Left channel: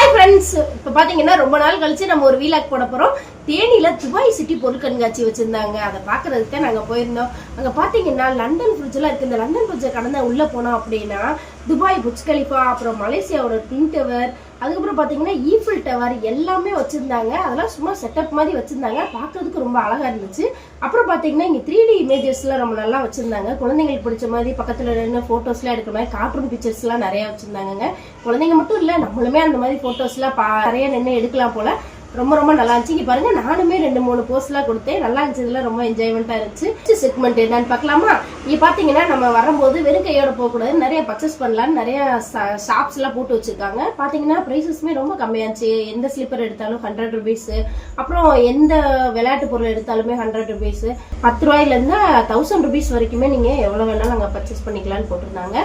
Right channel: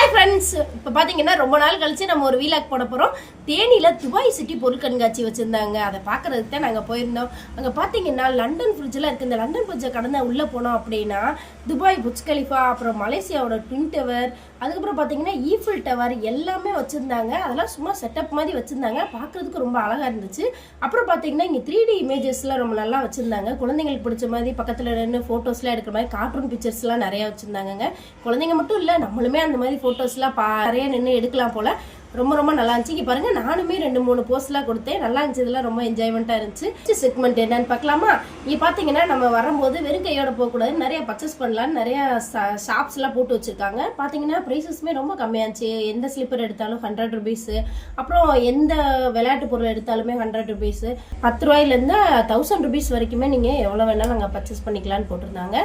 Hi friends, இப்போ பார்த்தீங்கன்னா ரொம்ப நாள் கழிச்சு நம்ம ஒரு வீலாக் போட போகிறோம். தேனியில் துபாய் சிட்டி பொருள் கண்காட்சி வச்சுருந்தாங்க. அதை பார்க்குறதுக்கு தான் நாங்கள் போயிருந்தோம். அங்கே பார்த்தீங்கன்னா லண்டன் ஃப்ரிட்ஜெலாம் இருக்குது. இந்த லண்டன் ஃப்ரிட்ஜை கடந்து உள்ளே போனோம் அப்படின்னா துபாய் புர்ஜ் கலிஃபா, அப்புறம் மலேசியாவோட ட்வின் டவர், அதுக்கப்புறம் பார்த்தீங்கன்னா ஈஃபில் டவர் எல்லாமே வச்சுருந்தாங்க. அதெல்லாம் சும்மா செட்டப் மாதிரி வச்சுருந்தாங்க. பார்க்குறதுக்கு ரொம்ப அழகாக இருந்துச்சு. அப்புறம் பார்த்தீங்கன்னா இங்கே 3D இமேஜஸ்லாம் ரொம்ப நல்லா வச்சுருந்தாங்க. குழந்தைங்களுக்கு பிடிச்ச மாதிரி பக்கத்தில் நின்று ஃபோட்டோஸ்லாம் எடுக்கிற மாதிரி கார்ட்டூன் பிக்சர்ஸ்லாம் நிறையா வச்சுருந்தாங்க. குழந்தைங்க மட்டும் இல்லை, நம்மளுமே அந்த மாதிரி ஃபோட்டோஸ்லாம் நிறைய நின்று எடுக்கலாம் போல். ரொம்ப ரொம்ப நல்லா இருந்துச்சு. இங்கே பாருங்க, நானுமே 2-3 போஸ்ட்லாம் கொடுத்தேன். நல்லா இருந்துச்சு. இதெல்லாம் ரொம்ப என்ஜாய்மெண்ட்டாக இருந்துச்சு. செக்மெண்ட் என்னன்னு பார்க்கலாமா? இங்கே பார்த்தீங்கன்னா நம்ம வரும்போது வெறும் கையோட போகக்கூடாது, நிறைய பர்ச்சேஸ் பண்ணலான்னு நிறைய ஷாப்ஸ்லாம் போட்டு வச்சுருக்காங்க. பார்த்தீங்கன்னா ப்ரைஸஸ்மே ரொம்ப கம்மியாச்சு. எந்த ஸ்லிப்பர் எடுத்தாலும் 100 ருபீஸு, அப்புறம் எந்த விளையாட்டு பொருள் எடுத்தாலுமே 100 ருபீஸு, 10 ரூபாயிலேருந்து 1000 ருபீஸ் வரைக்குமே நீங்கள் எவ்வளோ வேணாலும் நாங்கள் பர்ச்சேஸ் பண்ணிக்கலான்னு போட்டிருந்தாங்க.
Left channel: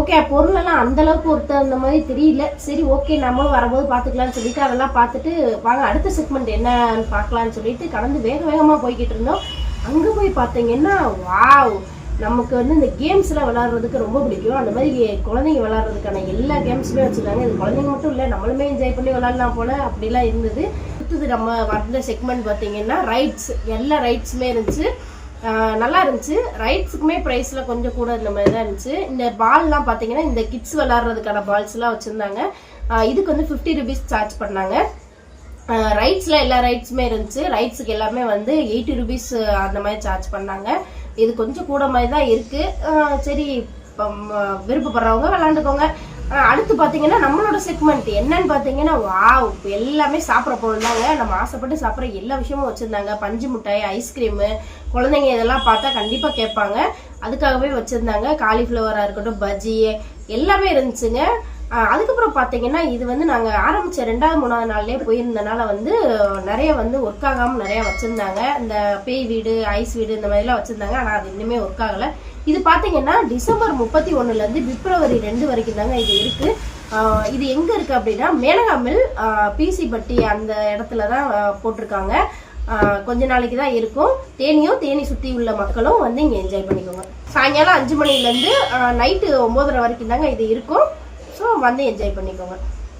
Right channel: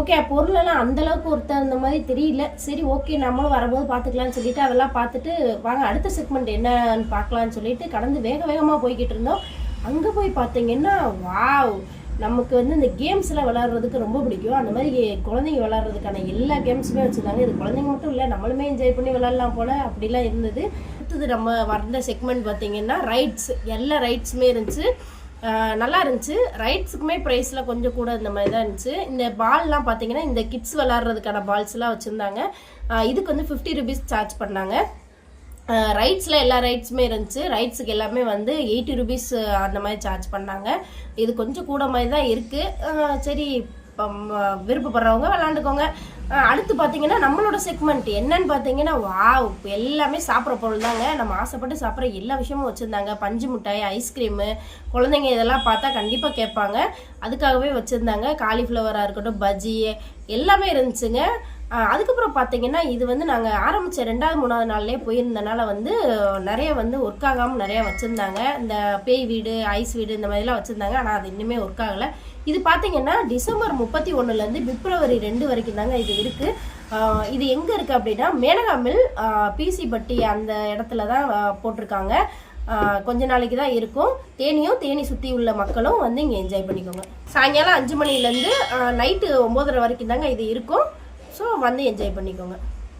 ஓகே, பொருளெல்லாம் அந்தளவுக்கு ஒருத்தர் அந்த மாதிரி தெரியல. சரி, ஓகே, நம்மளும் வரும்போது பார்த்துக்கலான்னு சொல்லிட்டு அதெல்லாம் பார்த்துட்டு வாங்க அடுத்த செக்மெண்ட் என்னன்னு பார்க்கலான்னு சொல்லிட்டு கடந்து வேகமாக போய்கிட்டு இருந்தோம். அங்கே போய் பார்த்தீங்கன்னா வாவ், நமக்கு இந்த கேம்ஸ்லாம் விளாட்றதுக்கு ரொம்ப பிடிக்கும். அந்த மாதிரி குழந்தைங்க விளாட்றதுக்கான எல்லா கேம்ஸுமே வச்சுருந்தாங்க. இது குழந்தைங்க மட்டும் இல்லை, நம்மளுமே என்ஜாய் பண்ணி விளாட்லாம் போல் அப்படிலாம் இருந்தது. அடுத்தது நம்ம வந்த செக்மெண்ட் பார்த்தீங்கன்னா ரைட்ஸ். எல்லா ரைட்ஸுமே இருந்துச்சு, நல்லா இருந்துச்சு. ரைட்ஸுக்குமே ப்ரைஸில் கொஞ்சம் கூட இந்த மாதிரி தான் இருந்துச்சு. இந்த பால்லாம் பார்த்தீங்கன்னா இந்த கிட்ஸ் விளாட்றதுக்கான பால்ஸ்லாம் வச்சுருந்தாங்க. இதுக்கு 50 ருபீஸ் சார்ஜ் பண்ணாங்க. ரைட்ஸில் எல்லா ரைட்ஸுமே இருந்துச்சு. ரைட்ஸுக்கு எல்லாமே 80 ருபீஸ் அந்த மாதிரி சார்ஜ் பண்ணாங்க. இது கொஞ்சம் கூட மாதிரி தான் இருக்குது. சரி, விருப்பப்படுறவங்க விளாண்டுக்கோங்க. அடுத்து பார்த்தீங்கன்னா நம்மளோட செக்மெண்ட் என்னன்னு பார்த்தீங்கன்னா வாவ், எல்லாமே சாப்பிட்ற பொருள் தாங்க. நம்ம ஆசைப்பட்டு சாப்பிட்ற எல்லா விஷயமும் வச்சுருந்தாங்க. பஞ்சு மிட்டாய், ஐஸ்கிரீமு, குழந்தைங்க இதெல்லாம் பார்த்தா கண்டிப்பாக கேட்பாங்க, அதுக்காகவே வச்சுருந்தாங்க. காலிஃப்ளவராக இருக்கட்டும், பஜ்ஜி எல்லாமே இருந்துச்சுங்க. அதுக்கப்புறம் பார்த்தீங்கன்னா இது நாங்கள் ஆரம்பித்த 2வது-3வது நாள்லேயே போயிருந்தனால நிறைய ஒர்க் ஆகாமல் நிறையா வச்சுருந்தாங்க. இந்த பேய் வீடு, ஐஸ் வீடு இந்த மாதிரிலாம் வச்சுருந்தாங்க. ஆனால் அது இன்னுமே ஒர்க் ஆகலை. இது பார்த்தீங்கன்னா டிசம்பர் 31 பிப்ரவரி 2 வரைக்கும் தாங்க இது இருக்குது. இது எங்கே இருக்குது அப்படின்னா மேலகாமில் பிசி பட்டி அந்த இடத்துல தான் போட்டிருக்காங்க. கொஞ்ச நாளைக்கு தான் இருக்கும். தேனி சுற்றி உள்ள மக்களும் இங்கே என்ஜாய் பண்ணிக்கோங்க. சாயங்காலம் 5 மணிலேருந்து நைட்டு 9:30 வரைக்கும் தாங்க இது இருக்கும். ஸோ என்ஜாய் பண்ணிக்கோங்க.